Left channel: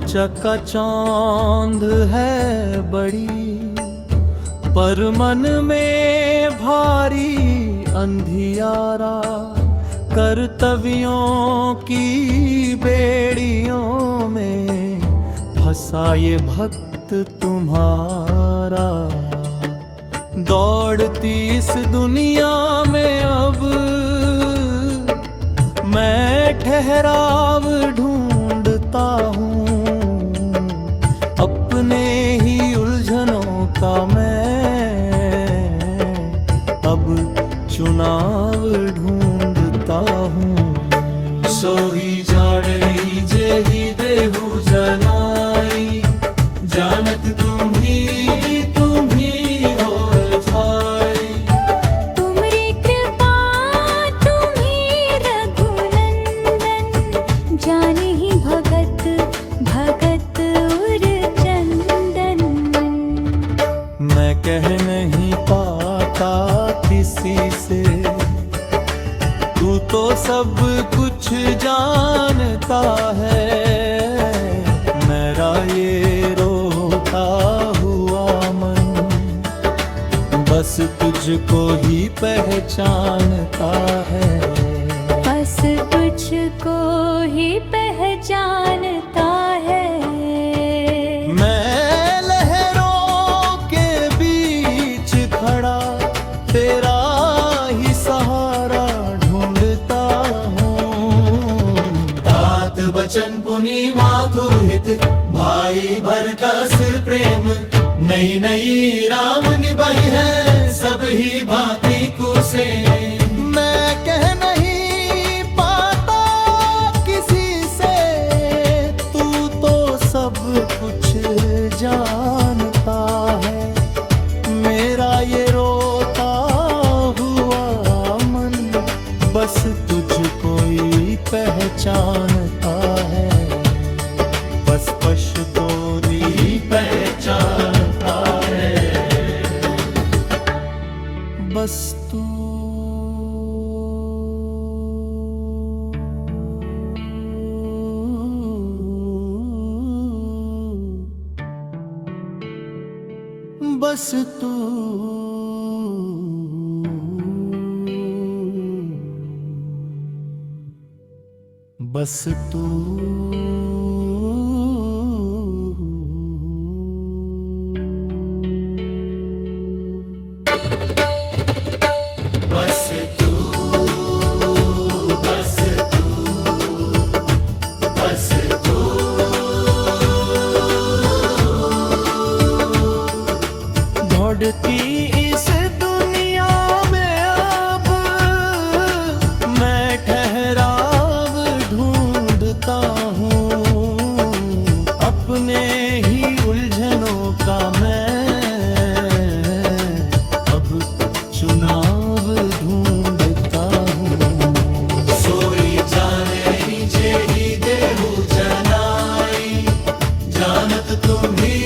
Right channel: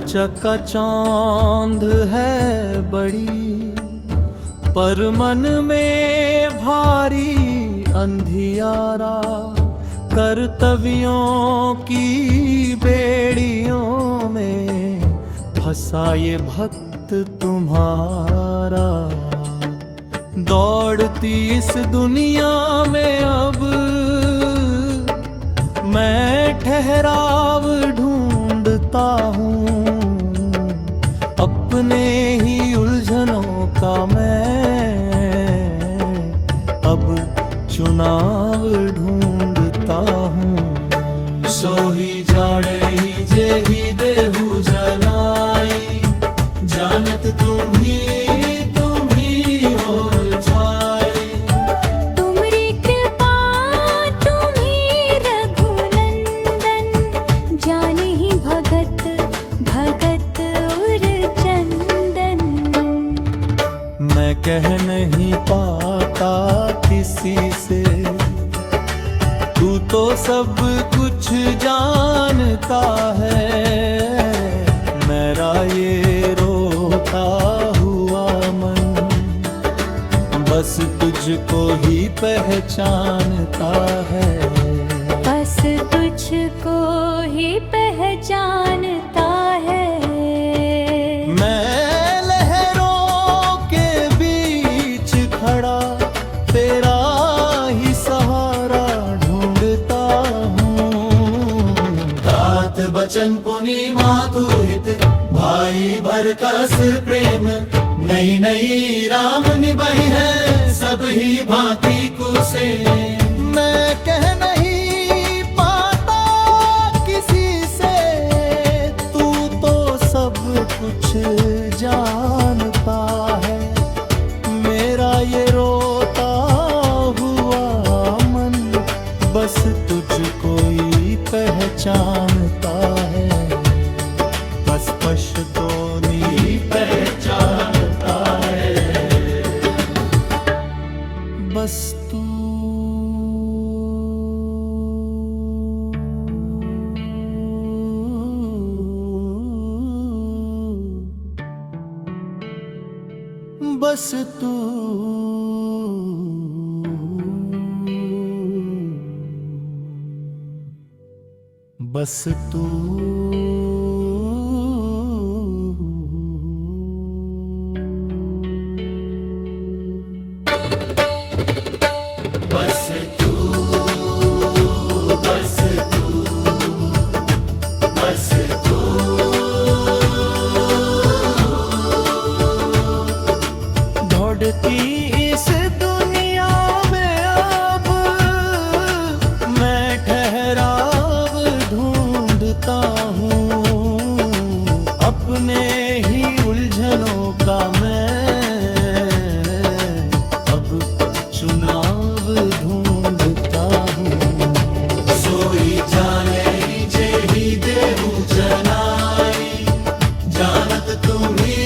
चकाचौंध है बड़ी, पर मन में भारी अंधियारा। कर्तव्यों की बेड़ियों में फंसा ये भक्त तुम्हारा। दौड़ती इस दुनिया में अब मैं ठहराव ढूंढता हूँ। अपने ही उलझनों का मैं अब चुनाव ढूंढता हूँ। सोही जाड़ई जेही देहु जनाई, जानत तुम्ही हो छाई। तुमरी कृपा तुम्ही रघुनंदन, जाने ही भगत भगत उर चंदन। मैं कह नहीं पाता किसी से, तू तो सब कुछ जानता है। मेरा ये रोता हुआ मन बस तुझको ही पहचानता है। बस तुझको ही पहचानता है। मैं लहरों के बीच खड़ा तेरा ही सहारा ढूंढता हूँ। तात बचन पुनि मातु हित, भाई भरकस प्रेम। नई नई राम निभाई है सब ही भांति कुसे। मैं कह नहीं पाता किसी से, तू तो सब कुछ जानता है। मेरा ये रोता हुआ मन बस तुझको ही पहचानता है। बस पशदोनी पहचानता है। बस तू बस तू बस तू बस तू बस तू बस तू। दौड़ती इस दुनिया में अब मैं ठहराव ढूंढता हूँ। अपने ही उलझनों का मैं अब चुनाव ढूंढता हूँ। सोई जाने जेही देहु जनाई, जानत तुम्ही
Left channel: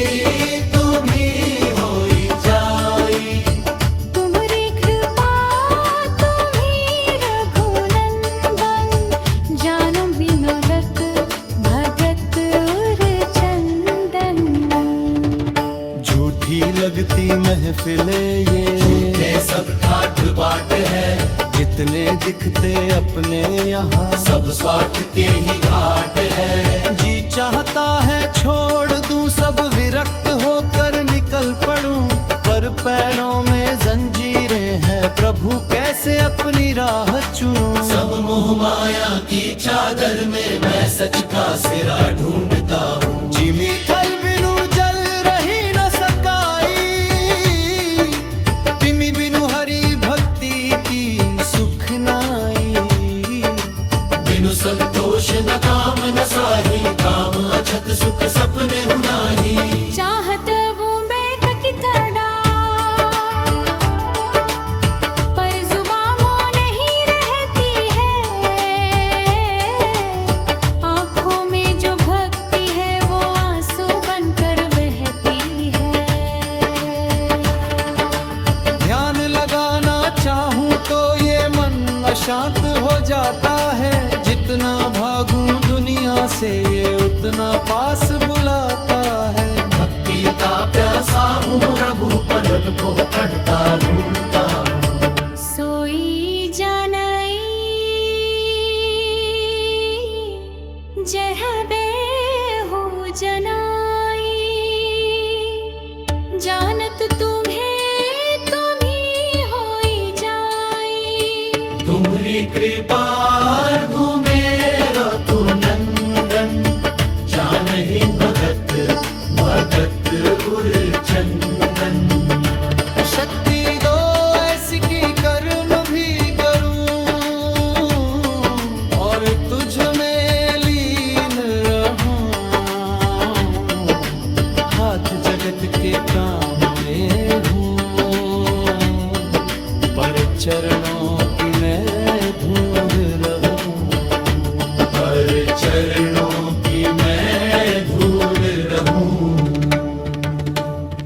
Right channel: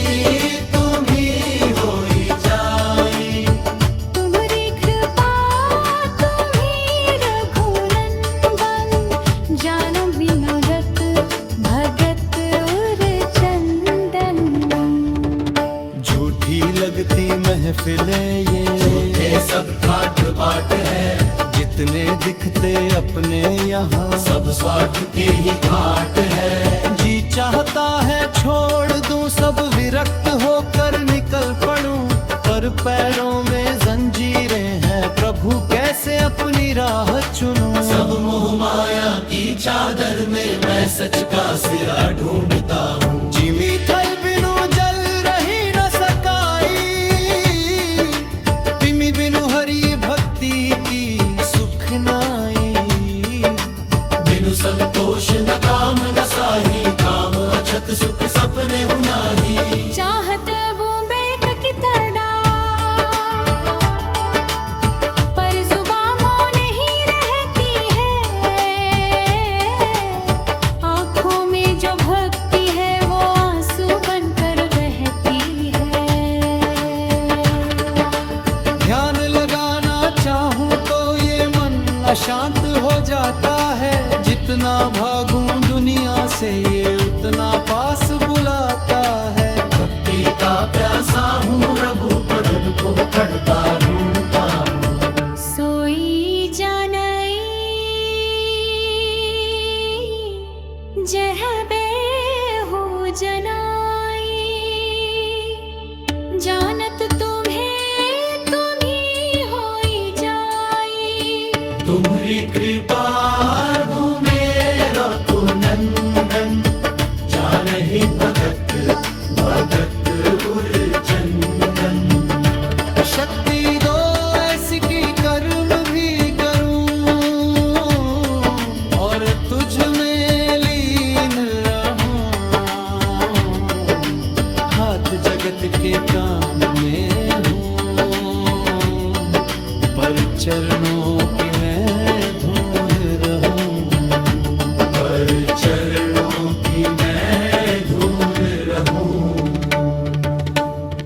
होई जाई। तुमरी कृपा तुम्ही रघुनंदन, जानो विनोदत भगत उर चंदन। झूठी लगती महफिले ये सब ठाठ बाट है। जितने दिखते अपने यहाँ सब स्वार्थ के ही घाट है। जी चाहता है छोड़ दूं सब, विरक्त होकर निकल पड़ूं। पर पैरों में जंजीरें हैं, प्रभु कैसे अपनी राह चुनूं। सब मोह माया की चादर में मैं सच का सिरा ढूंढता हूँ। जिमी थल बिनु जल रही न सकाई, तिमी बिनु हरि भक्ति की सुख नाई। बिनु संतोष न काम न साही, काम अछत सुख सपने हुनाही। चाहत वो बेक की तड़ा, पर जुबां मों नहीं रहती है। आँखों में जो भक्ति है वो आंसू बनकर बहती है। ध्यान लगाना चाहूं तो ये मन अशांत हो जाता है। जितना भागूं दुनिया से ये उतना पास बुलाता है। भक्ति का प्यासा हूँ प्रभु पदन को करता ढूंढता हूँ। सोई जानई जह बेहू जनाई, जानत तुम्हें तुम्ही होई जाई। तुम्हारी कृपा मेरा तू नंदन, जानहि भगत भगत उर चंदन। शक्ति दो ऐसी की कर्म भी करूं और तुझ में लीन रहूं। हाथ जगत के काम में हूँ, पर चरणों की मैं धूल रहूं। पर चरणों की मैं धूल रहूं।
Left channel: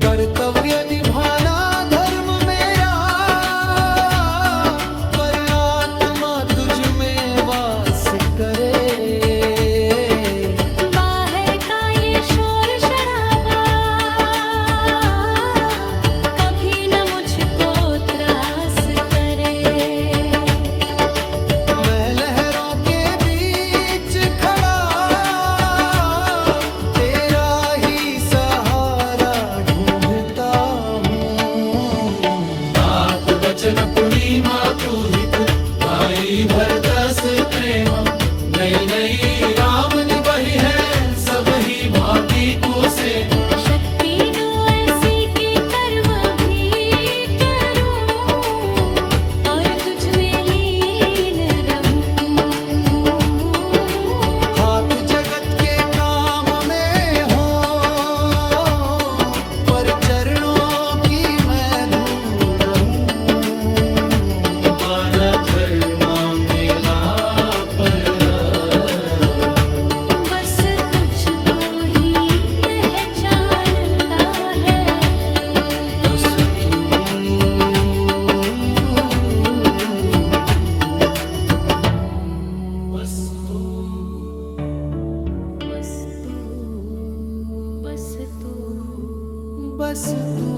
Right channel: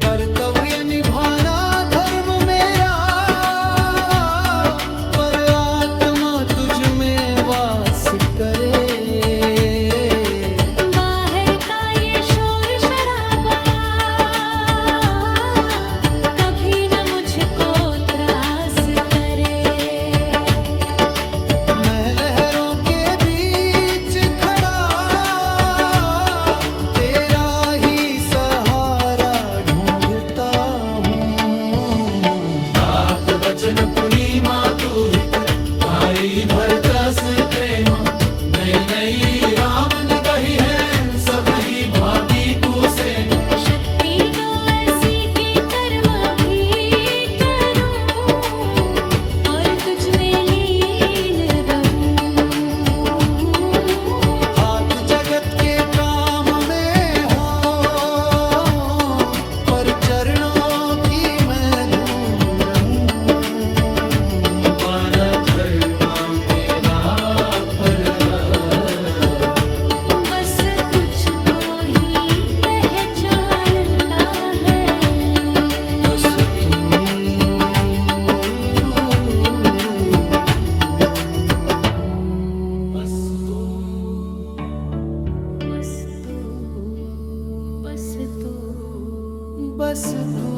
कर्तव्य निभाना धर्म मेरा, पर आत्मा तुझ में वास करे। बाहर का ये शोर शराबा कभी न मुझको त्रास करे। मैं लहरों के बीच खड़ा तेरा ही सहारा ढूंढता हूँ। दात वचन पूर्णिमा तू हित भाई भरतस प्रेम। नई नई राम निभाई है सब ही भांति को सेवा। शक्ति दो ऐसी कि कर्म भी करूं और तुझ में लीन रहूं। हाथ जगत के काम में हो, पर चरणों की मैं धूल रहूं। माना धर्म मेरा परदा, बस तुझको ही पहचानता है। बस तू बस तू बस तू बस तू बस तू